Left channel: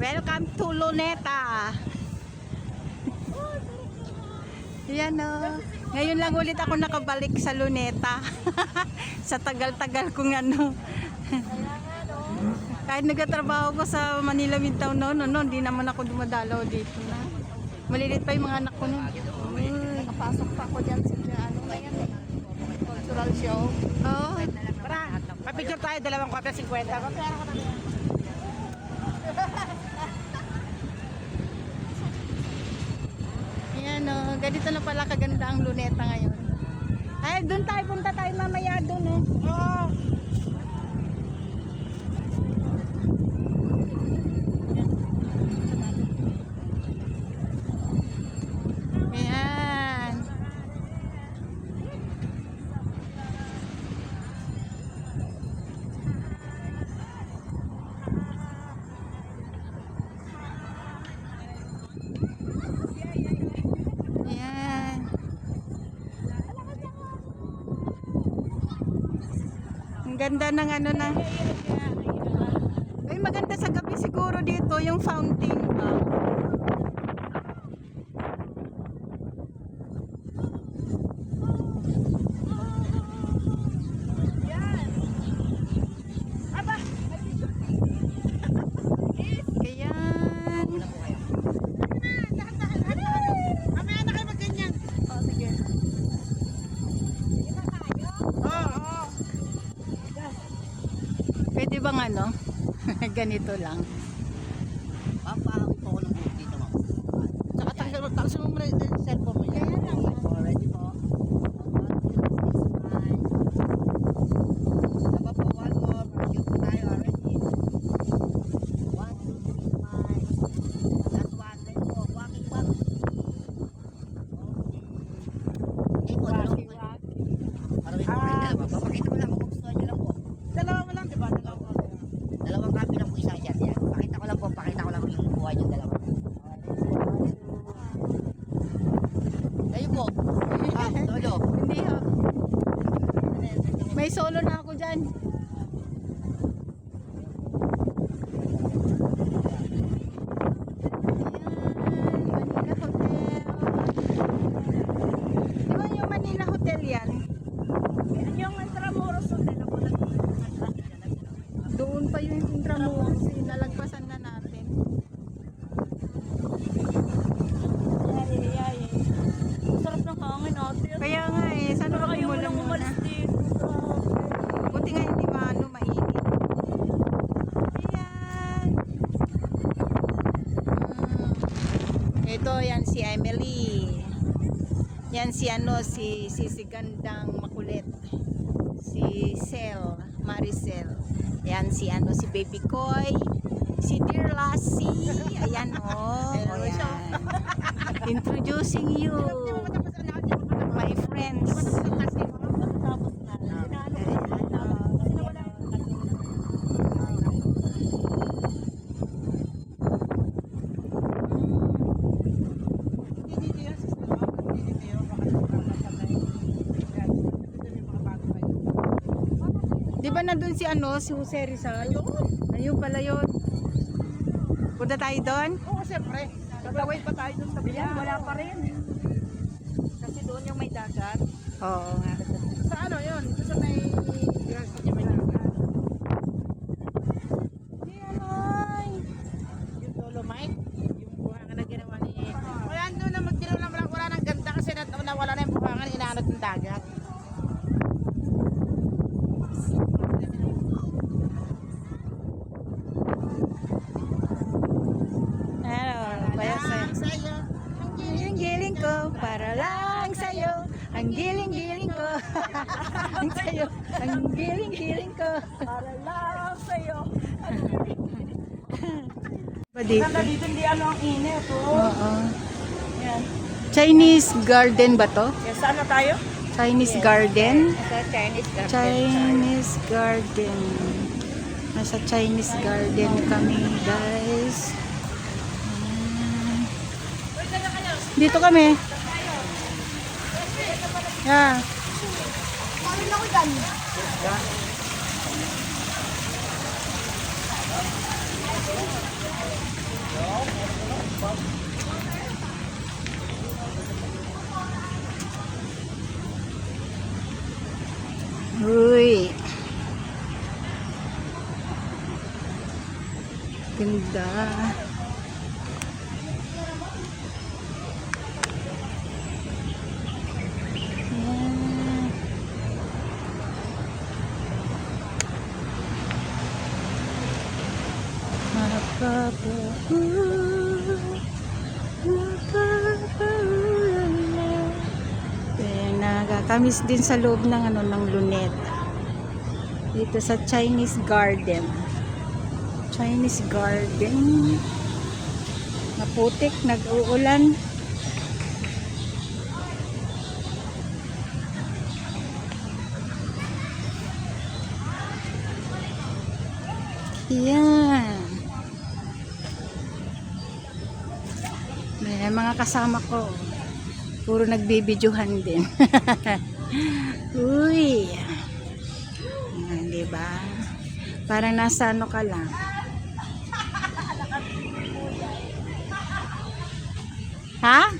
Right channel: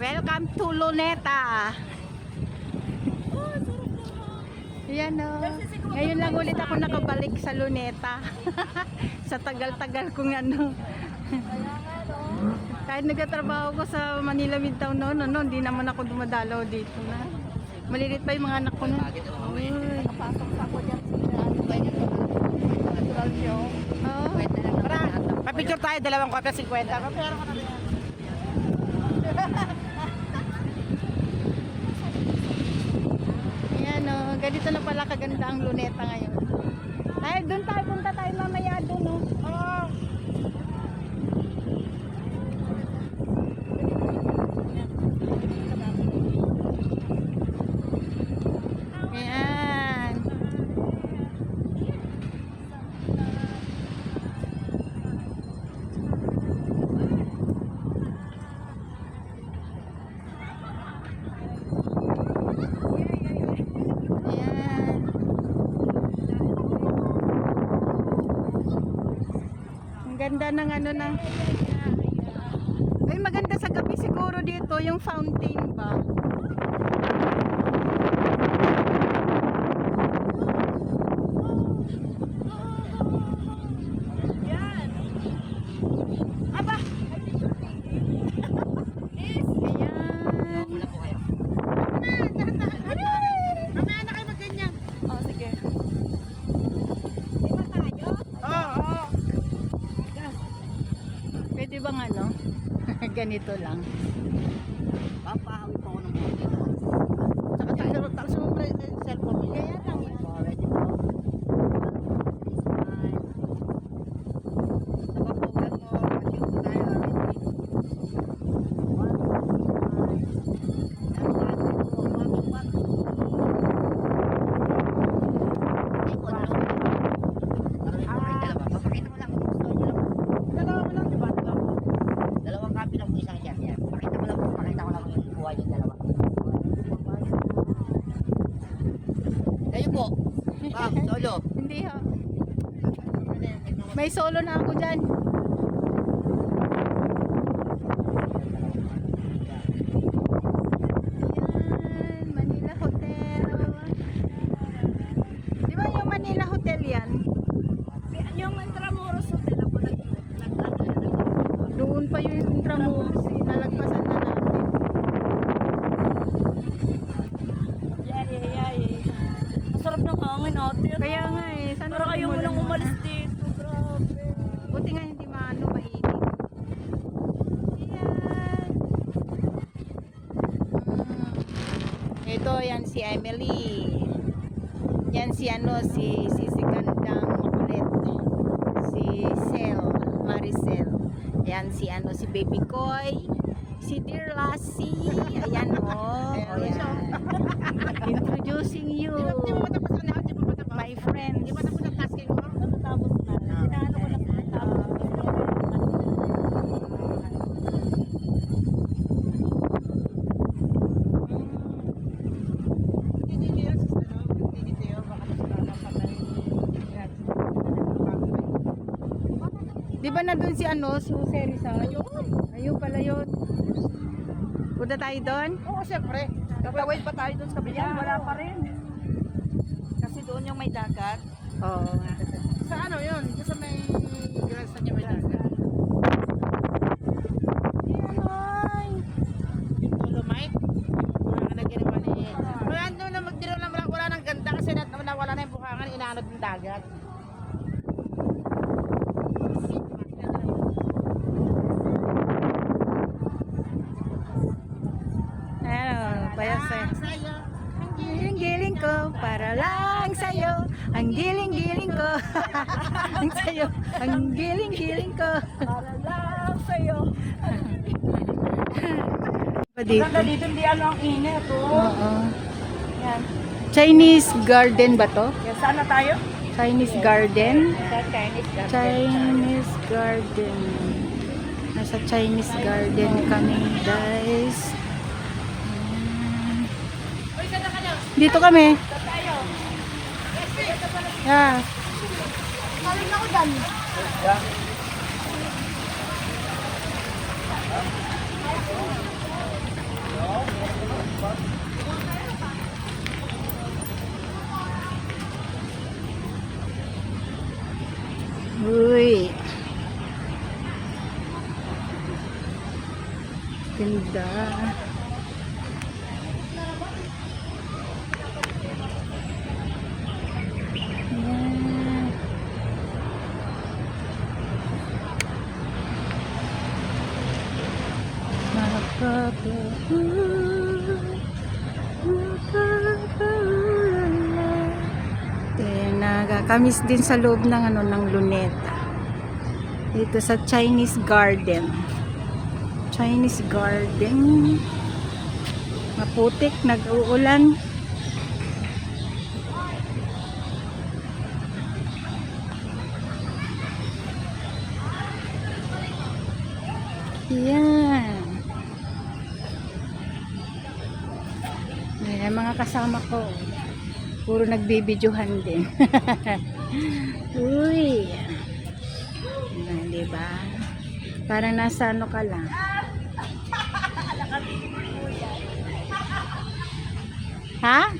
Welcome to Luneta. Yan o. Ngayon lang ulit ako nakabalik sa Luneta. Sa tagal-tagal kong ano. Kahit nagkatrabaho ko sa Manila Midtown noon, hindi naman ako dumadalaw dito na. Malilit pa yung mga anak ko noon. Uy. Napasok pa ako dyan sa ano tayo na natural show. Oh. Papicture tayo, dalawang kopya 50. Kapera ka na yan. Ayan o. Ganito na pala kaganda ang Luneta ngayon. Ay, doon tayo. Punta tayo mamaya doon o. Oo. Ayan. Ayan. Ang ganda ng ano na. Ay, maganda sa gabi siguro dito yung fountain ba. Mamaya na kayo magganyan. Oh, sige. Oo. Pwede bang ano? Ganito lang. Papahawin po ako ng buhok dito. Tsaka taksin mo muna yung cellphone mo yan. Kaya lang yan. Alright, ito. Napapukan mo. Cute tayo already. 2 copy lang po isa dyan. Yan. Pakita ko lang po yung buhay yung dalawa. Kayo po. Solo. Hindi ho. May solo na ako dyan. Ayan, Manila Hotel. Di ba yung Manila Hotel yan? Yung Intramuros Hotel ako Doon pa yung Intramuros. Nalagpasan na namin. Sarap ng hangin ate. Kaya nga eh, saan Pero ba ayaw mo muna lang muna? umalis dito. Grabe. Buti nga hindi maano, mainit. Ayan. Ito, yan si Emily. Yan si ano, si Gandang Makulit. Si Maricel. Yan si ano, si Baby Koy. Si Dear Lassie. Ayan oh. O yan. Introducing you, my friends. Di ba nandun si ano, si Jose Rizal? Ayun pala yun. Punta tayo doon? Oo, siyempre. Tatawid pa tayo doon sa biyan. Wala pa rin. Kasi doon yung may dagat. Oo nga. Sa ano yun? Sa may girls na may dagat. Ayan ay. Yung Dolomite. Yung na ginawa ni... Kaya ano na magtiro na wala nang ganda kasi nawala na yung bukangan. Inaanot yung dagat. Ano, payas eh. Sa'yo. Ang giling-giling ko, para lang sa'yo. Ang giling-giling ko. Ang sa'yo. Ang giling-giling ko. Para lang sa'yo. Ba dito? Ganda dito, hindi ano ang init. Oo. Yan. Chinese garden ba to? Yan, saan na tayo? Chinese garden? Chinese garden. Chinese garden. Nasa Chinese garden kami, guys. Ayan. Dito kami. Yeah. Kaling ako dyan. Ganda. Yan. Nakakamis din sa loob ng ano ng Luneta. Dito sa Chinese Garden. Chinese Garden. Maputik, nag-uulan. Yan. Ayan, mga kasama ko. Puro nagbibidyohan din. Uy. Ayan, diba? Parang nasa ano ka lang. Ha?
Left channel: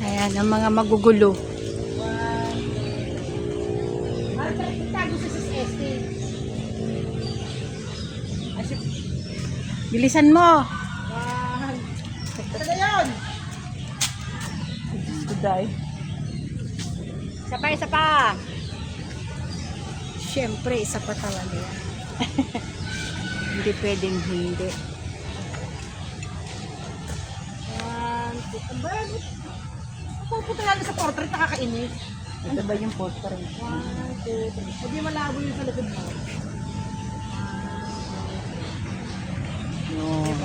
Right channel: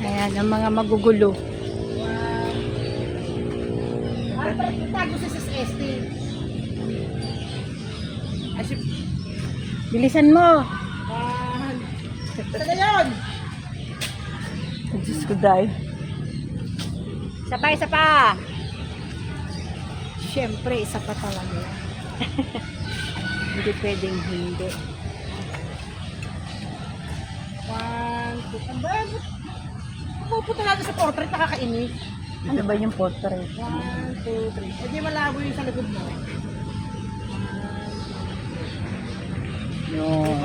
Ayan, ang mga magugulo. Bilisan mo. Saan yun? Diyos ko dahil. Isa pa. Siyempre, isa pa talaga yan. Hindi pwedeng hindi. 1, 2, ang dami. Pupunta lang sa portrait, nakakainis. Ito ba yung portrait? 1, 2, 3. Hindi malabo yung sa likod mo. Yun.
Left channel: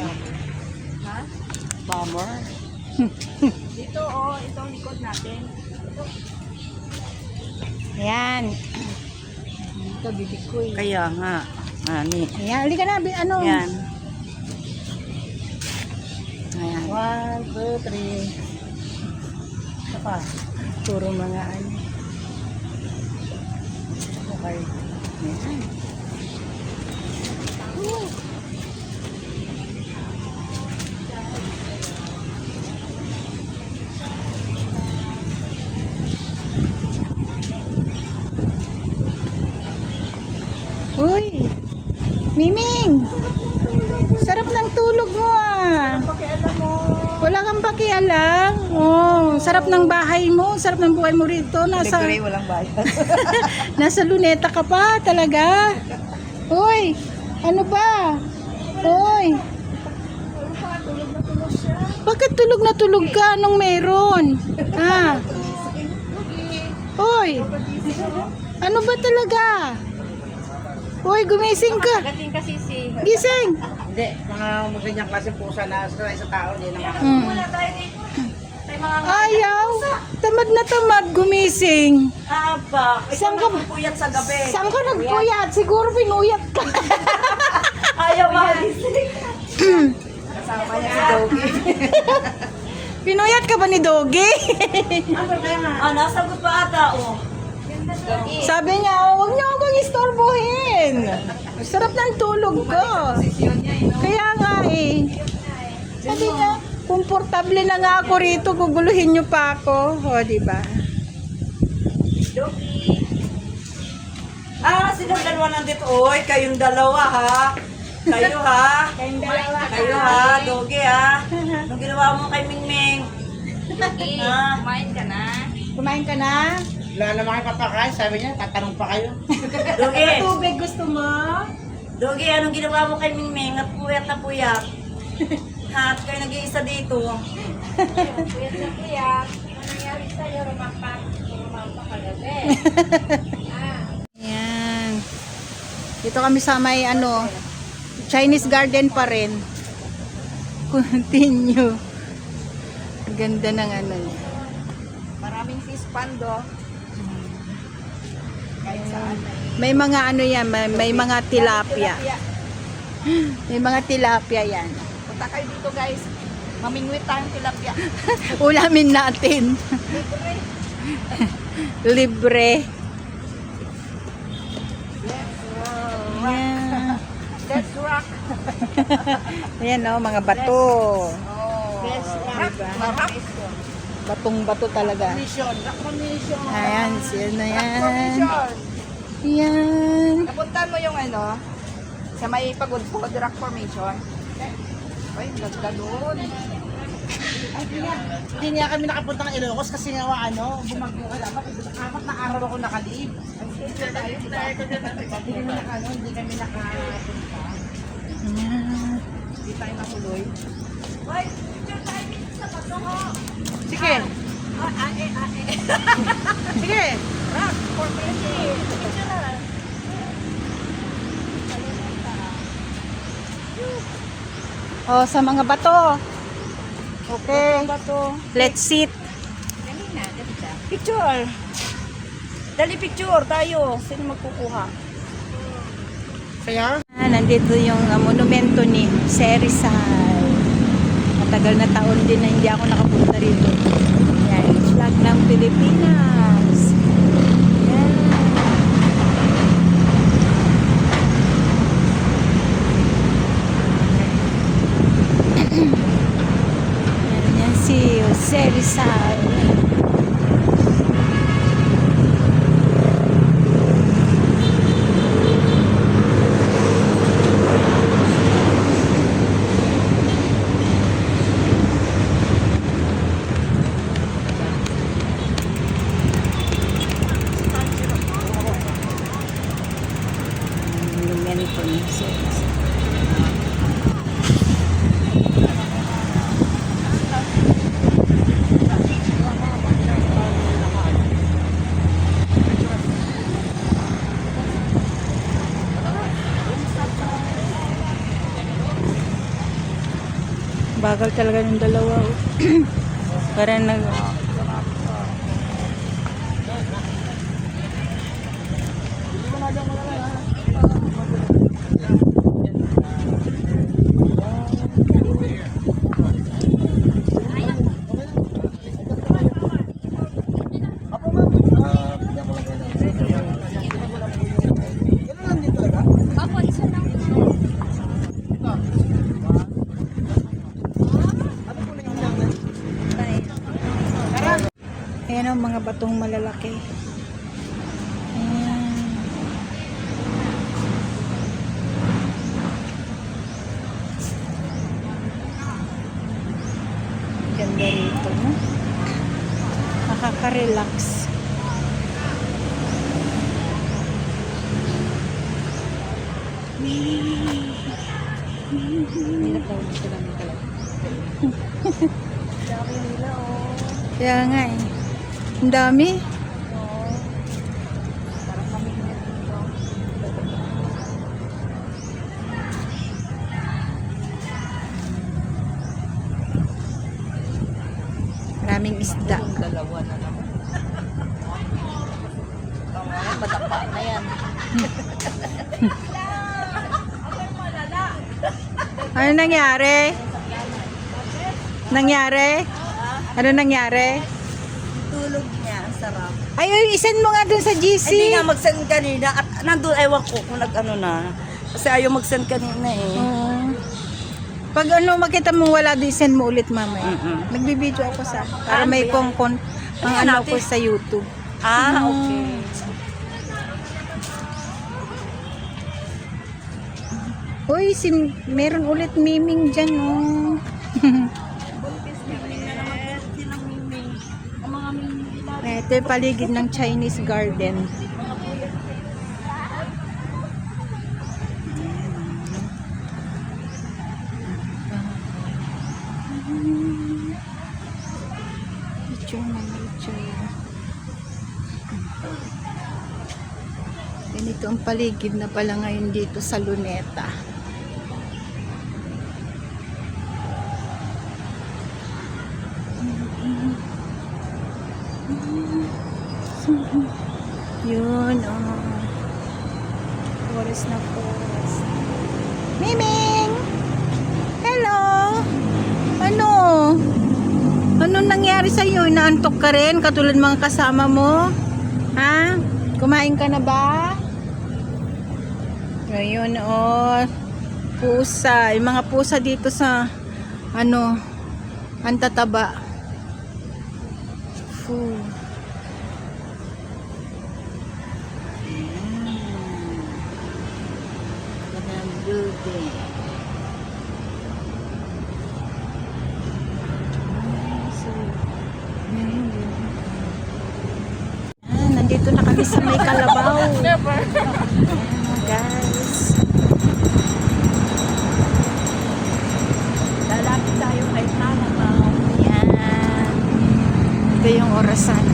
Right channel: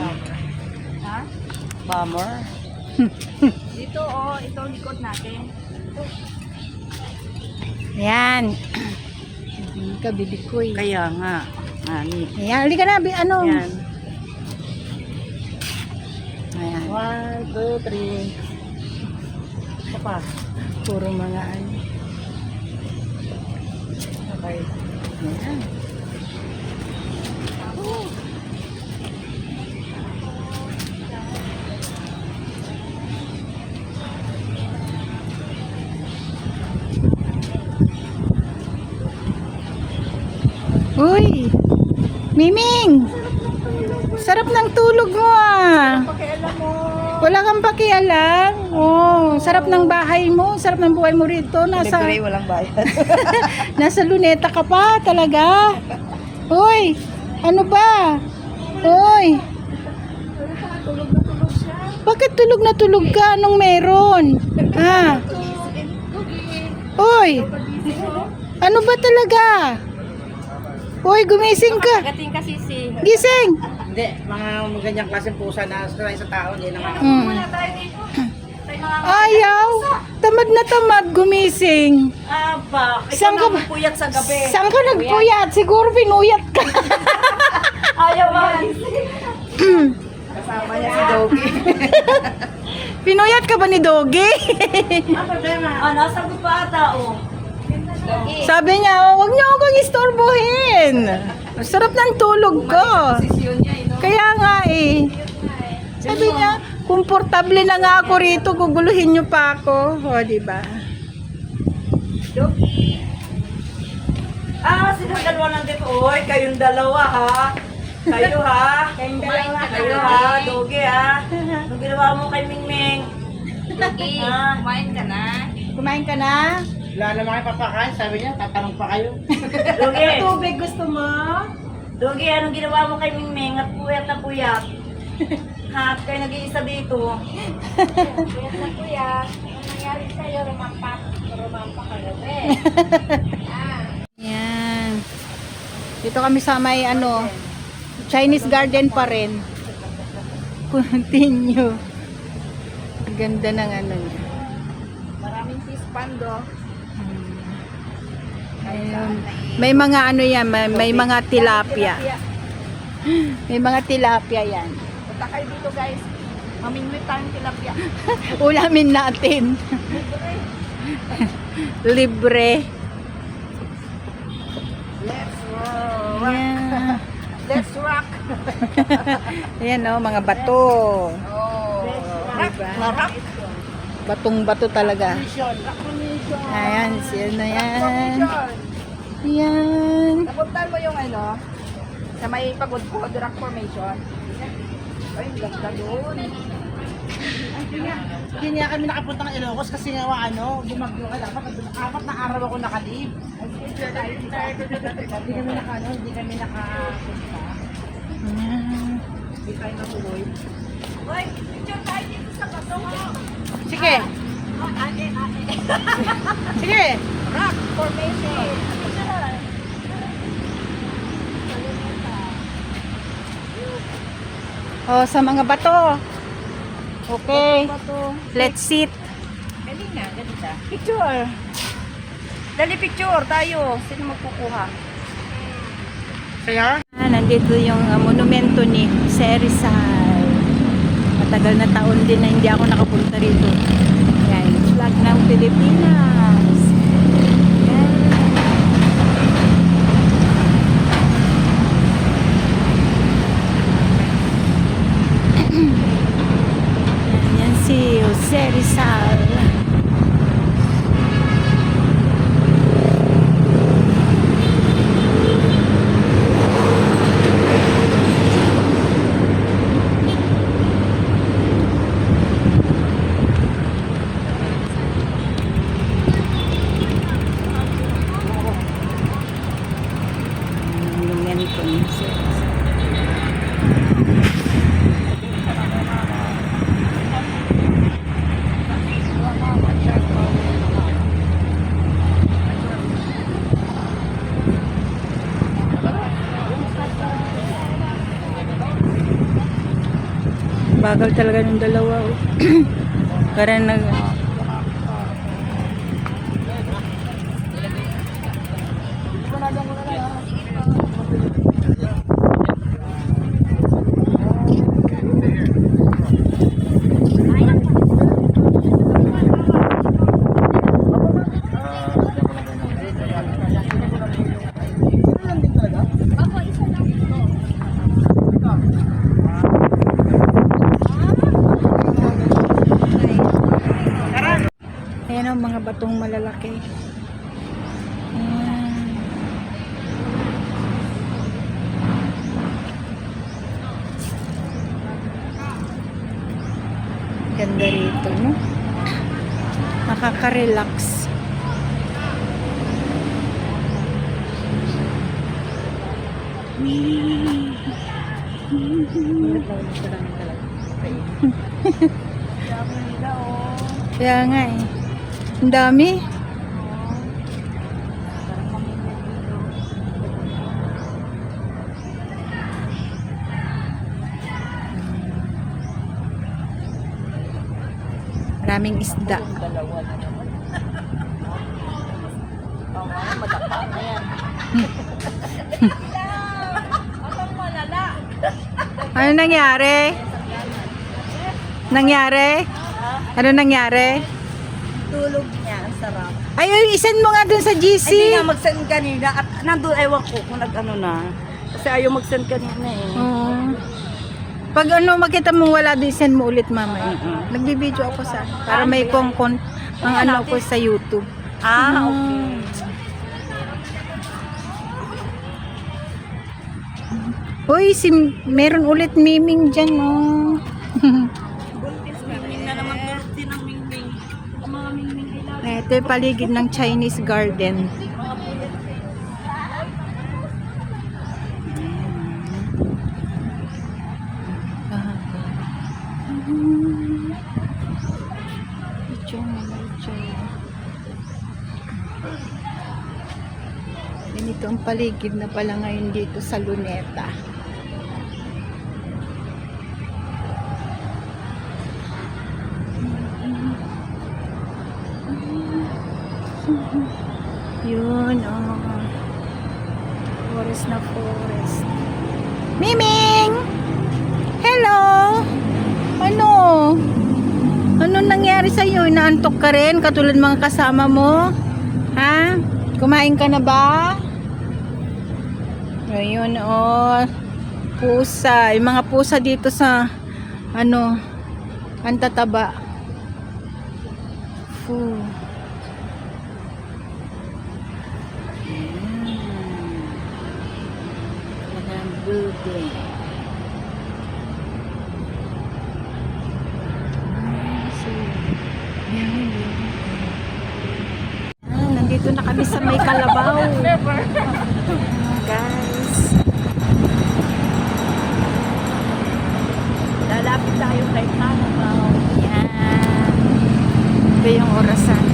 Ha? Bummer. Dito, ito ang likod natin. Yan. Kabibig ko eh. Kaya nga. Ayan. Ayan, halika na. Ano? Yan. Ayan. 1, 2, 3. Isa pa. Puro mga ano. Okay. Ayan. Uy! Miming! Sarap ng tulog mo ah! Wala kang pakialam. Oh, sarap ng bahay mo, sarap ng buhay mo rito. Nasa walang bayad. nasa Luneta ka pa talaga. Uy, ano ba? Uy. Bakit tulog na tulog ka? Anong meron? Ha? Uy. Ano ba talaga? Uy, gumising ka. Gating kasi si... Gising. Hindi, mga ganyang klaseng pusa na sa isang tao, hindi naman. Ayaw. Tamad na tamad gumising. Aba, Saan ka- puyat sa gabi. Saan ka nagpuyat? Siguro pinuyat ka. Ayaw magising. Kasama niya si Doggy. Pinuyat ka ba ni Doggy? Nasagot pa ata, oh. Sabi niya, oh, huwag niyo akong istorbohin. Sarap ng tulog ko. Kaya nga eh. Sabi niya, komportable na nga ako rito, guguluhin niyo pa ako. O, diba? Silang dalawa nandito. Oy, kayong dalawa, ha? Kayo, ha? Kayong dalawa. Kayo, ha? Doggy, ha? Anong ginawa mo kay Mingming? Doggy, Ha? kumain ka na? Kumain ka na? Wala naman kayo papakain, sabi niya, tatanong pa kayo. Doggy, Tubig gusto mo? Doggy, anong ginawa mo kay Mingming? At puyat na puyat. Ha? At kayo nag-iisa dito. Kuya sa kuya, ano nangyari sa'yo? Rumampa ka gabi. Yan. Dito kami sa may ano, Chinese Garden pa rin. Continue. Ang ganda ng ano niya. Maraming sispando. May mga ano yan, may mga tilapia. May mga tilapia yan. Punta kayo dito guys. Mamingwit tayong tilapia. Ulamin natin. Libre. Ayan. Let's rock. Ayan o, mga bato. Let's rock. Diba? Rock. Batong-bato talaga. Mission. Rock formation. Ayan, siya na yan. Yan. Napuntahan mo yung ano, sa may pagod po, direct formation. Ay, ganda doon. Hindi niya kami nakapunta ng Ilocos kasi nga bumagyo ka dapat. 4 na araw ako nakalib. Hindi kami nakapunta. Yan. Hindi tayo natuloy. Uy, picture tayo dito sa bato ko. Sige. Sige. Rock formation. Oh, sa mga bato. Okay. Let's sit. Picture. Dali picture tayo. Sino mo kukuha? Kaya? Nandito yung monumento ni Jose Rizal. Matagal na taon din na hindi ako nakapunta rito. Yan, flag ng Pilipinas. Yan. Yan si Jose Rizal. Monumento ni Jose Rizal. Bagal talaga ng dalawa. Oh. Para nag... Ayan ang mga batong malalaki. Ayan. Ganda rito, no? Nakaka-relax. Hirap daw sa namin talaga. Kaya nga eh. Ang dami. Maraming isda. Dalawa na naman. Madapa na yan. Ano nangyari? Nangyari? Ano nangyari? Tulog niya, ang sarap. Ay, isend mo nga dun sa GC. Hindi nga mag-send kanina at nandun ewan ko kung nag-ano na. Kasi ayaw mag-send kanina eh. Oo. Pag ano, makita mong wala, di send mo ulit mamaya. Nagbibideo ako sa, para may pang ano ko sa YouTube. Ah, okay. Uy, meron ulit miming dyan, oh. Mingming na naman birthday ng Mingming. Ang mga Mingming nila. Ito yung paligid ng Chinese garden. Mga pulo. Picture na, picture. Ganito ang paligid na pala ngayon dito sa Luneta. Yun, oh. Forest na forest. Miming! Hello! Ano? Ano nangyari sa'yo? Inaantok ka rin? Katulad mga kasama mo? Ha? Kumain ka na ba? Ayun, oh. Pusa. Yung mga pusa dito sa, ano, ang tataba. beautiful. Ayan. Talagang building. So, yan. Nandito na kami sa may Kalabaw. Ayan, guys. Lalapit tayo kay Kalabaw. Yan. Ito yung orasan.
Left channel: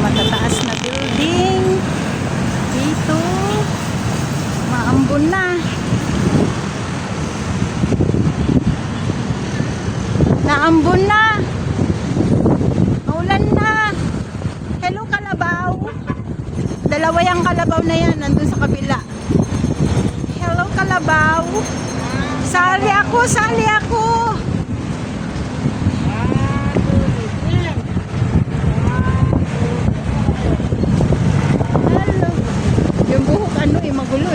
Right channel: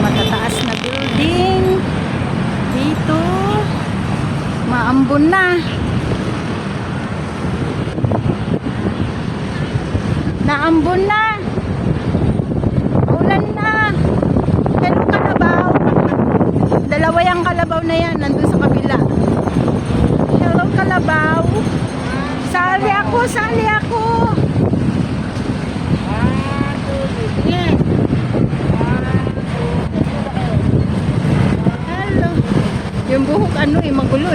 Matataas na building dito, maambon na, naambon na, maulan na. Hello Kalabaw, dalawa yung Kalabaw na yan, nandun sa kabila. Hello Kalabaw, sali ako, sali ako. Yung buhok ano magulo